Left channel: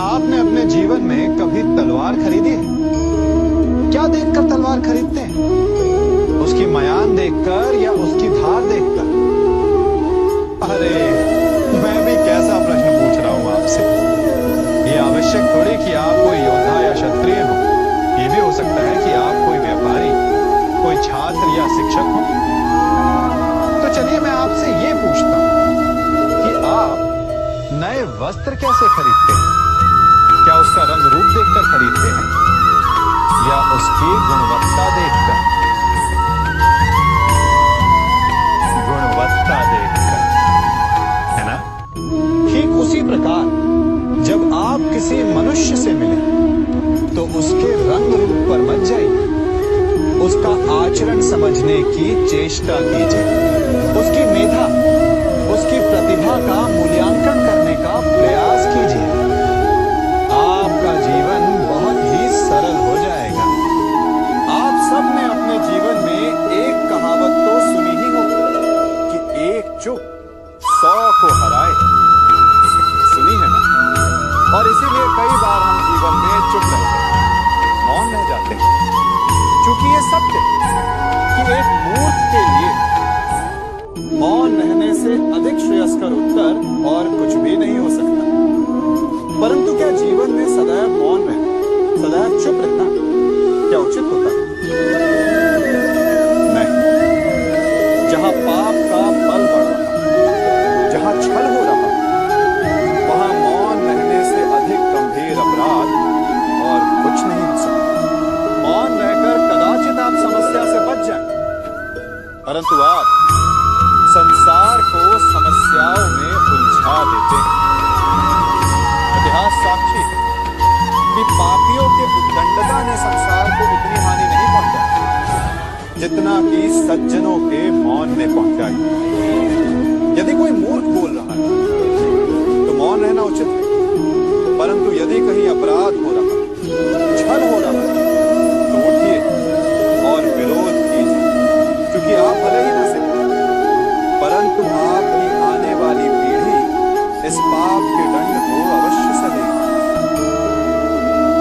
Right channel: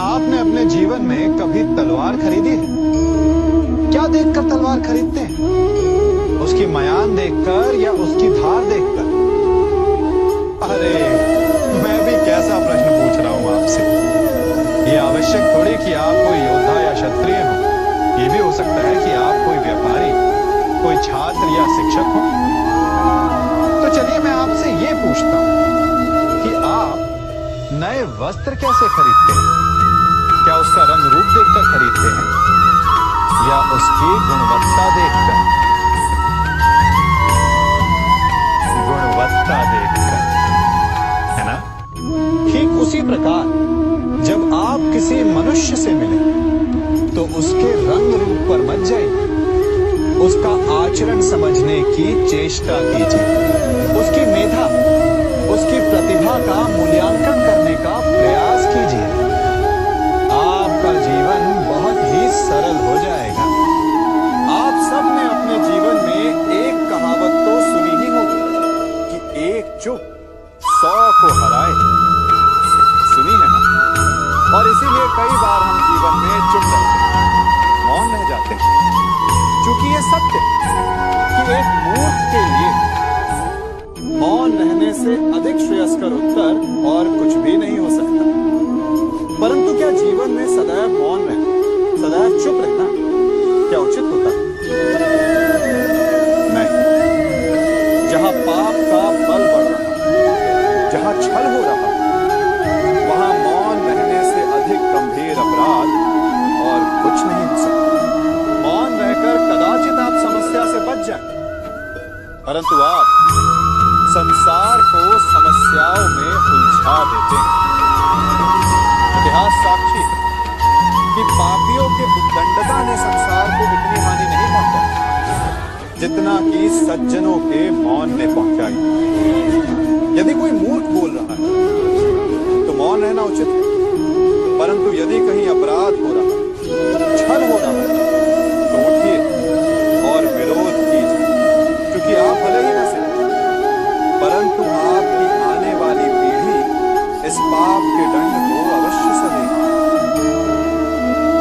आपने अपने जीवन में कभी तलवार खरीदी है? क्या देखकर तलवार खरीदते हैं? उसकी मयान देखकर या उसकी धार देखकर? अरे मैं भी कैसा प्रश्न पूछ रहा हूं आपसे। ये आवश्यक थोड़ी कि आप कोई योद्धा या क्षत्रिय हो। ये भी हो सकता है कि आप कोई व्यापारी, कोई छात्र या शिक्षक हो। तो चलिए मैं आपसे ये पूछता हूं कि आप नए वस्त्र कैसे खरीदते हैं? क्या उसका रंग रूप देखकर खरीदते हैं या उसकी गुणवत्ता देखकर? गुणवत्ता देखकर, है ना? ठीक उसी प्रकार जब आप किसी मनुष्य से मिले तो उसके रंग रूप पर मत जाइए, उसका आचरण समझने की चेष्टा कीजिए, उसकी मेधा, उसकी प्रतिभा का मूल्यांकन करने का प्रयास कीजिए। आपका जीवन बहुत ही सरल हो जाएगा। आप सब ने अपने जीवन में एक कहावत तो सुनी ही होगी कि एक चुप 100 को हराए। सुनी है ना? और इसीलिए कई बार हम जीवन में चुप रहते हैं, मौन रह जाते हैं, क्योंकि ये सत्य कि एक मूर्ख के लिए मौन रहने से अधिक श्रेयस्कर उत्तर और कुछ भी नहीं हो सकता। परंतु क्या जीवन में सदैव मौन रहना, सदैव चुप रहना क्या उचित होता है? नहीं। जहां पाप का बल बढ़ रहा, जहां छल हो रहा, वहां मौन रहने से अधिक गंभीर अपराध और कुछ नहीं हो सकता। मौन रहकर कदाचित आप समस्या से बच जाएं, परंतु आप संसार को समस्याओं में उलझा देते हैं। इतिहास साक्षी है कि पापियों के उद्दंडता ने संसार को इतनी हानि नहीं पहुंचाई जितना कि सज्जनों के मौन ने पहुंचाई। यदि कोई मूर्ख बोल रहा है तो मौन रहना उचित है, परंतु यदि कहीं अपराध हो रहा, छल हो रहा है, तो उठिए और विरोध कीजिए, क्योंकि आप भले ही न सही, परंतु आपकी आने वाली पीढ़ी इस पाप के दंड को अवश्य सहेगी।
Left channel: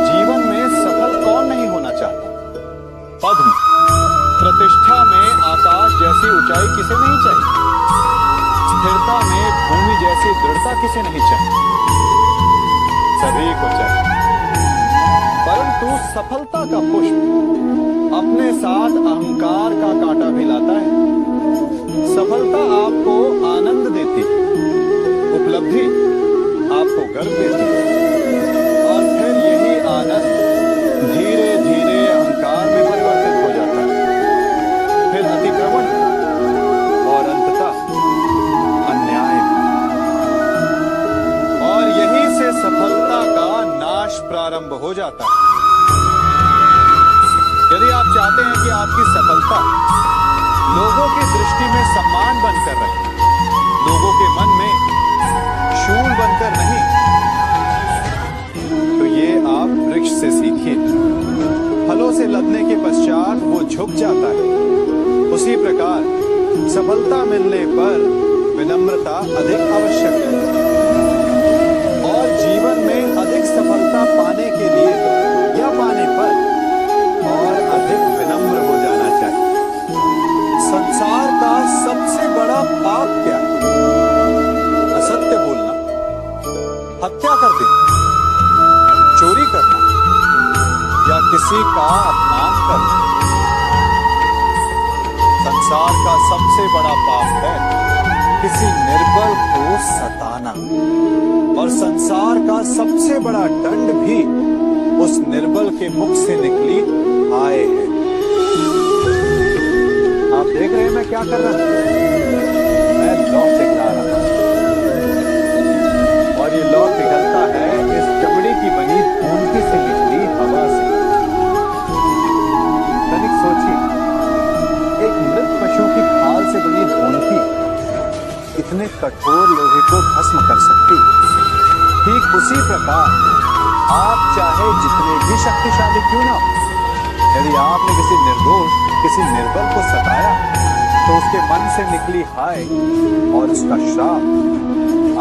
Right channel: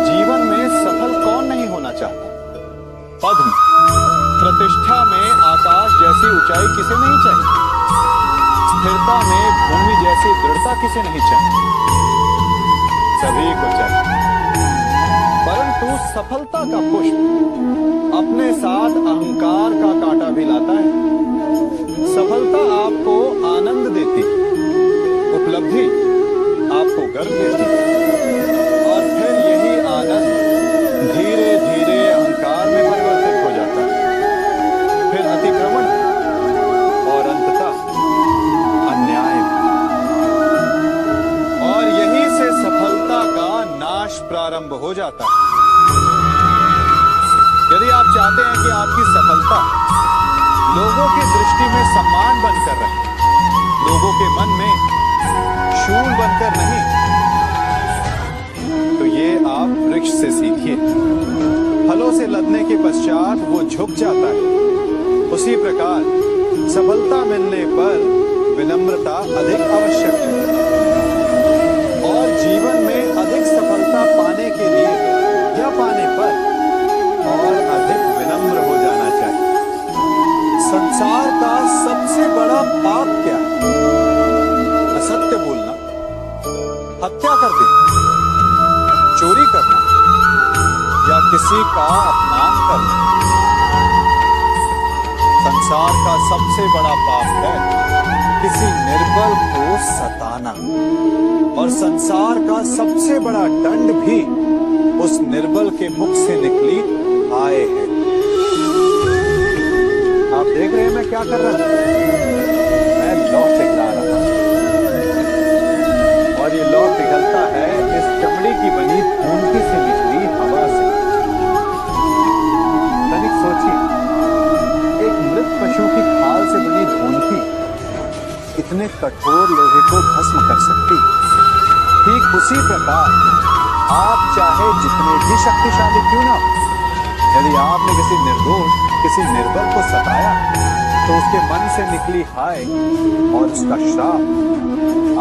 जीवन में सफल कौन नहीं होना चाहता? पद में, प्रतिष्ठा में आकाश जैसी ऊंचाई किसे नहीं चाहिए? स्थिरता में भूमि जैसी दृढ़ता किसे नहीं चाहिए? सभी को चाहिए। परंतु सफलता का पुष्प अपने साथ अहंकार का कांटा भी लाता है। सफलता आपको आनंद देती, उपलब्धि आपको गर्व देती, और फिर यही आनंद धीरे धीरे अहंकार में परिवर्तित हो जाता है, फिर अतिक्रमण और अंततः अन्याय में। और यहीं से सफलता का नाश प्रारंभ हो जाता है। यदि आप चाहते हैं कि आपकी सफलता लोगों की दृष्टि में सम्मान बनकर रहे, लोगों के मन में शूल बनकर नहीं, तो ये आप वृक्ष से सीखिए। फलों से लदने के पश्चात वो झुक जाता है। उसी प्रकार सफलता मिलने पर विनम्रता अधिक आवश्यक है। और जीवन में अधिक सफलता पाने के लिए या पाने पर और अधिक विनम्र हो जाना चाहिए। संसार का सबसे बड़ा पाप क्या है? असत्य बोलना, हत्या कर देना, चोरी करना या किसी का अपमान करना। संसार का सबसे बड़ा पाप है किसी निर्बल को सताना, और संसार का सबसे बड़ा दंड भी उस निर्बल के मुख से निकली हाय है। आप देख रहे हैं मैं क्या कर रहा हूं? मैं लौ पिघला रहा हूं, और ये लौ पिघलता है इस चमड़ी की बनी धूंधी से निकली हवा से। तनिक सोचिए, एक मृत पशु की खाल से बनी धूंधी इतने कठोर लोहे को भस्म कर सकती। ठीक उसी प्रकार आप चाहे जितने भी शक्तिशाली क्यों ना हो, यदि आपने किसी निर्दोष, किसी निर्बल को सताया, तो उसके मन से निकली हाय और उसका श्राप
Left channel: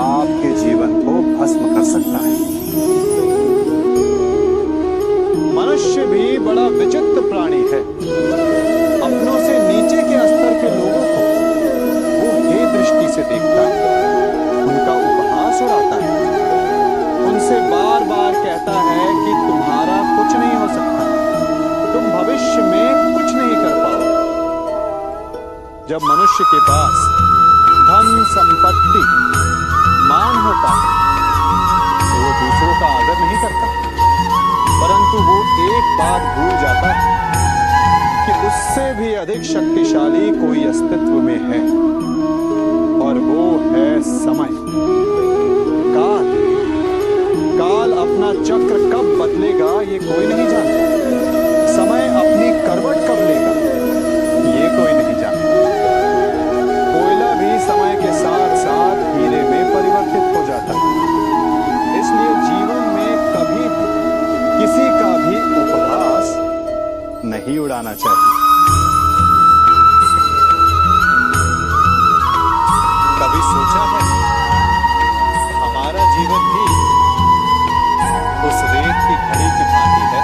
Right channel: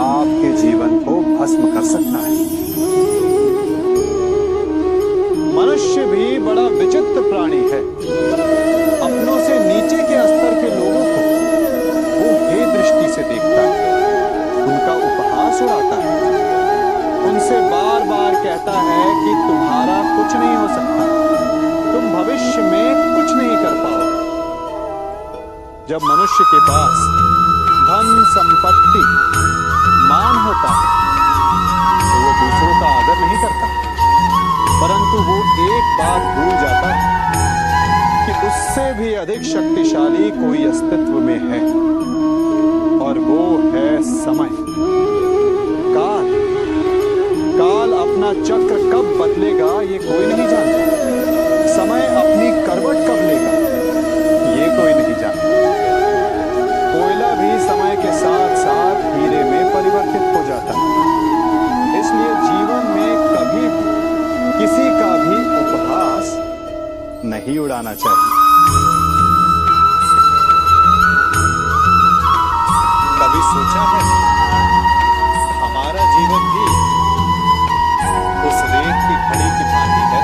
आपके जीवन को भस्म कर सकता है। मनुष्य भी बड़ा विचित्र प्राणी है। अपनों से नीचे के स्तर के लोगों को वो हे दृष्टि से देखता है, उनका उपहास उड़ाता है, उनसे बार बार कहता है कि तुम्हारा कुछ नहीं हो सकता, तुम भविष्य में कुछ नहीं कर पाओगे। जब मनुष्य के पास धन, संपत्ति, मान होता है तो वो दूसरों का आदर नहीं करता, परंतु वो एक बात भूल जाता है कि उससे भी अधिक शक्तिशाली कोई अस्तित्व में है, और वो है समय। काल काल अपना चक्र कब बदलेगा ये कोई नहीं जानता। समय अपनी करवट कब लेगा ये कोई नहीं जानता। कोयला भी समय के साथ साथ हीरे में परिवर्तित हो जाता है। इसलिए जीवन में कभी भी किसी का भी उपहास नहीं उड़ाना चाहिए। कभी सोचा है हमारा जीवन भी उस रेत की घड़ी की भांति है,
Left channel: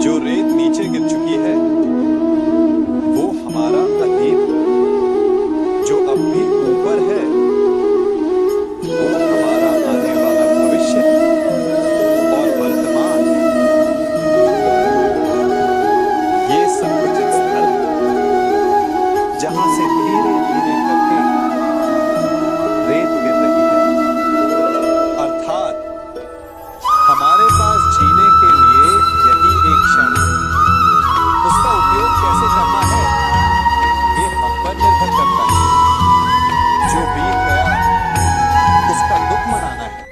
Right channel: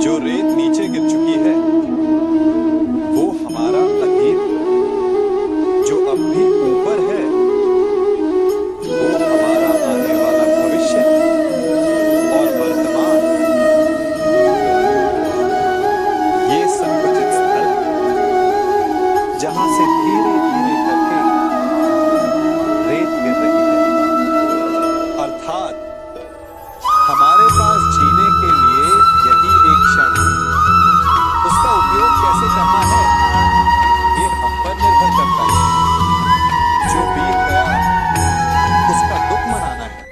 जो रेत नीचे गिर चुकी है वो हमारा अतीत, जो अब भी ऊपर है वो हमारा आने वाला भविष्य, और वर्तमान ये संकुचित स्थल जहां से धीरे धीरे करके रेत गिर रही है। अर्थात हमारे पास जीने के लिए यही एक क्षण है। उसका उपयोग कैसे करना है ये हम पर निर्भर करता है। जो बीत गया उसका दुख मनाना है,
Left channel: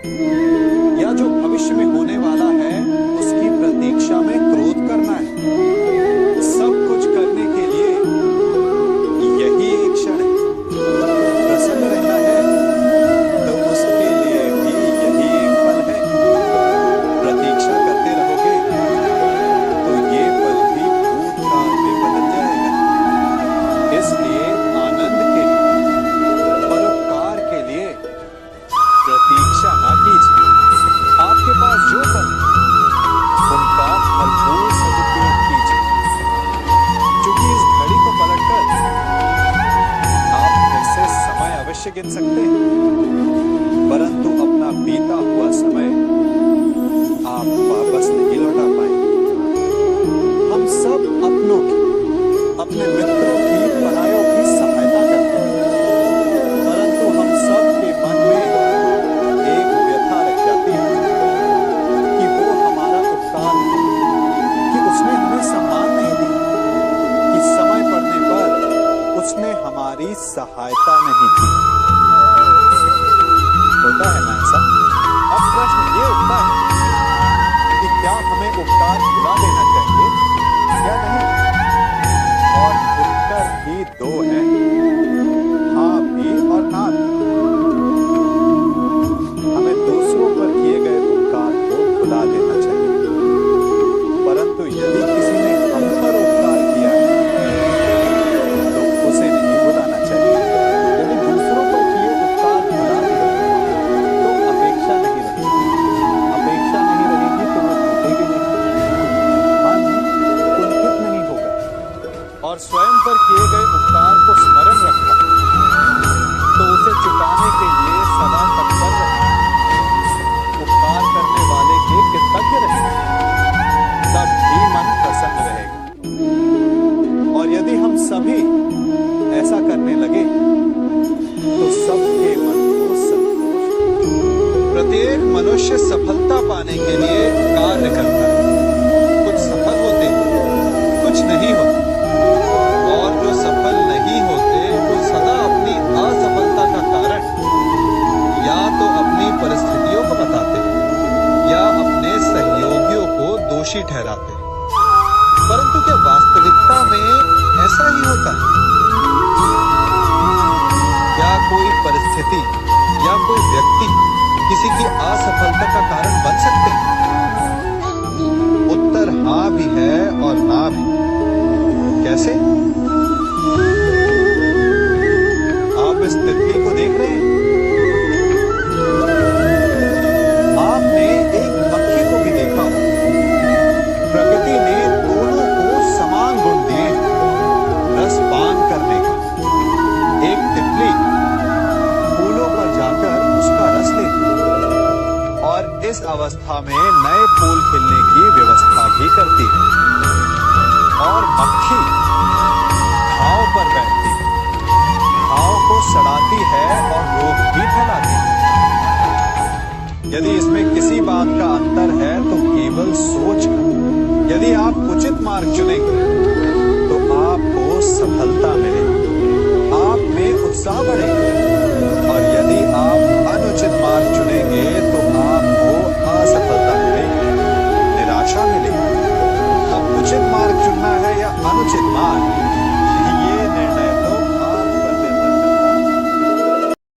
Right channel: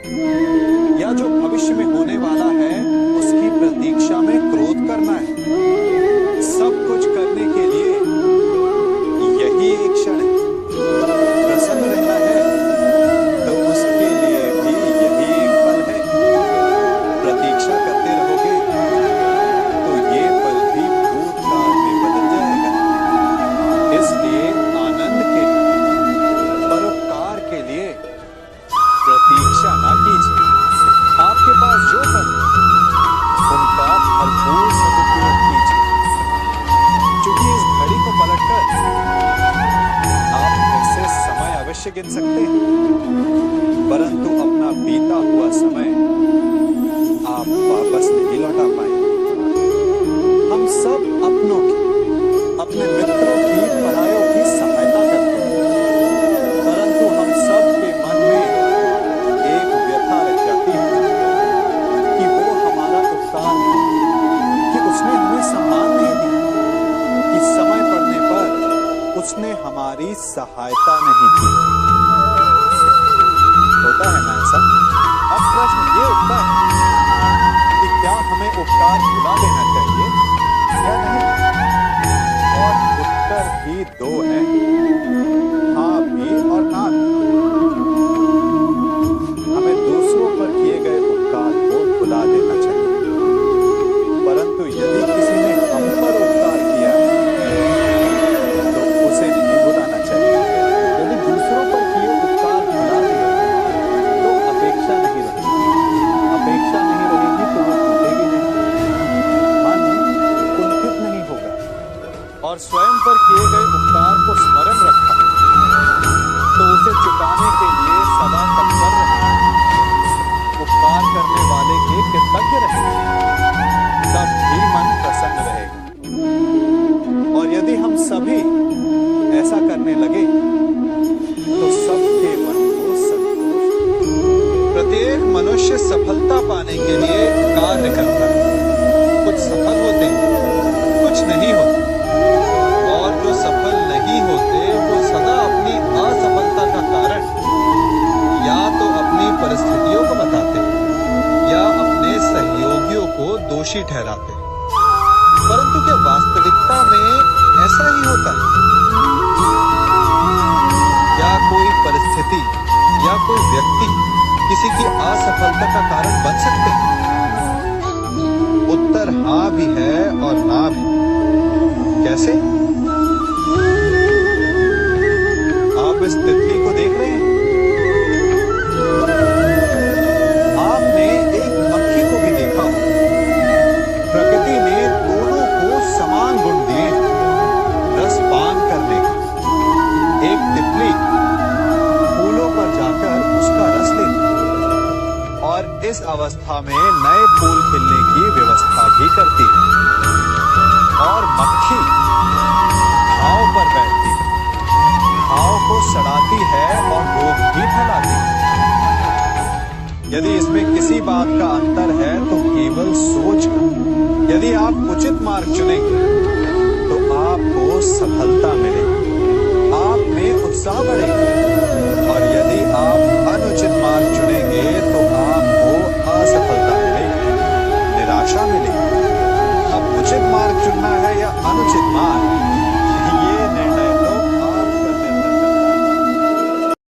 या जो भविष्य में होने वाला है उसकी प्रतीक्षा में क्रोध करना है। सब कुछ करने के लिए यही एक क्षण है। प्रसन्न रहना है तो उसके लिए भी यही एक पल है। प्रतीक्षा करते रहोगे तो ये पल भी भूतकाल में बदल जाएगा। इसलिए आनंद के लिए, परोपकार के लिए प्रतीक्षा ना कीजिए। आपके पास जो पल उनका भरपूर सदुपयोग कीजिए, क्योंकि इस घड़ी को पलटकर आप फिर से समय अवश्य गिन सकते हैं, परंतु अपना बीता हुआ समय आप वापस नहीं लौटा पाएंगे। हम सब अपनों की, अपने मित्रों की, परायों की सहायता करते हैं, परंतु हम सब के मन में एक व्यथा रह जाती है कि वो हमारा उपकार है कि उसने हमें सम्मान नहीं दिया, कि समय पड़ने पर उसने हमारी सहायता नहीं की। होता है ना ऐसा? अब प्रश्न ये उठता है कि क्या हमें उपकार भुला देना चाहिए या नहीं? और उत्तर ही दो है, हाँ भी और ना भी। हमें दूसरों पर किए गए उपकार को भुला देना चाहिए, परंतु यदि किसी ने हम पर उपकार किया है तो उसे नहीं भुलाना चाहिए। यदि दूसरों पर किए उपकार भुला दिए तो अपेक्षा नहीं रहेगी। अपेक्षा नहीं रहेगी तो वो टूटेगी नहीं, मन कुंठित नहीं होगा। और स्वयं पर किए गए उपकार को स्मरण रखा तो उसे चुकाने के लिए सदा तत्पर रहे। उपकार करने वाले के कृतज्ञ रहे, तब भी मन प्रसन्न रहेगा। और यदि हम सभी ऐसा करने लगे तो सबके मन को संतोष। प्रत्येक मनुष्य सफलता पाने के लिए कार्य करता है। कुछ सफल होते हैं, कुछ नहीं होते, और जो सफल नहीं होते वो सदा अपनी असफलता का कारण या तो अपनी परिस्थितियों को बताते हैं या अपने सहयोगियों को दोषी ठहराते हैं। परंतु क्या वास्तविकता में ऐसा ही होता है? क्या कोई परिस्थिति या कोई व्यक्ति किसी की असफलता का कारण बन सकते हैं? उत्तर हाँ भी है और ना भी। कैसे? आप इस तितली को देख रहे हैं, आपने एक पक्षी को भी बैठकर उसका रस लेती और इस अवस्था में नए फूल खिलने की व्यवस्था भी करती और मक्खी घाव पर बैठती, घाव को सड़ाती है और रोग भी फैलाती है। यदि इसमें किसी बात का अंतर है तो केवल सोच का। यदि आप उचित मार्ग चुनेंगे तो आपको सफलता मिलेगी, आप में उत्साह बढ़ेगा, और यदि आप अनुचित मार्ग चुनेंगे तो आपको असफलता मिलेगी, निराशा मिलेगी। अब उचित मार्ग चुनना है या अनुचित मार्ग,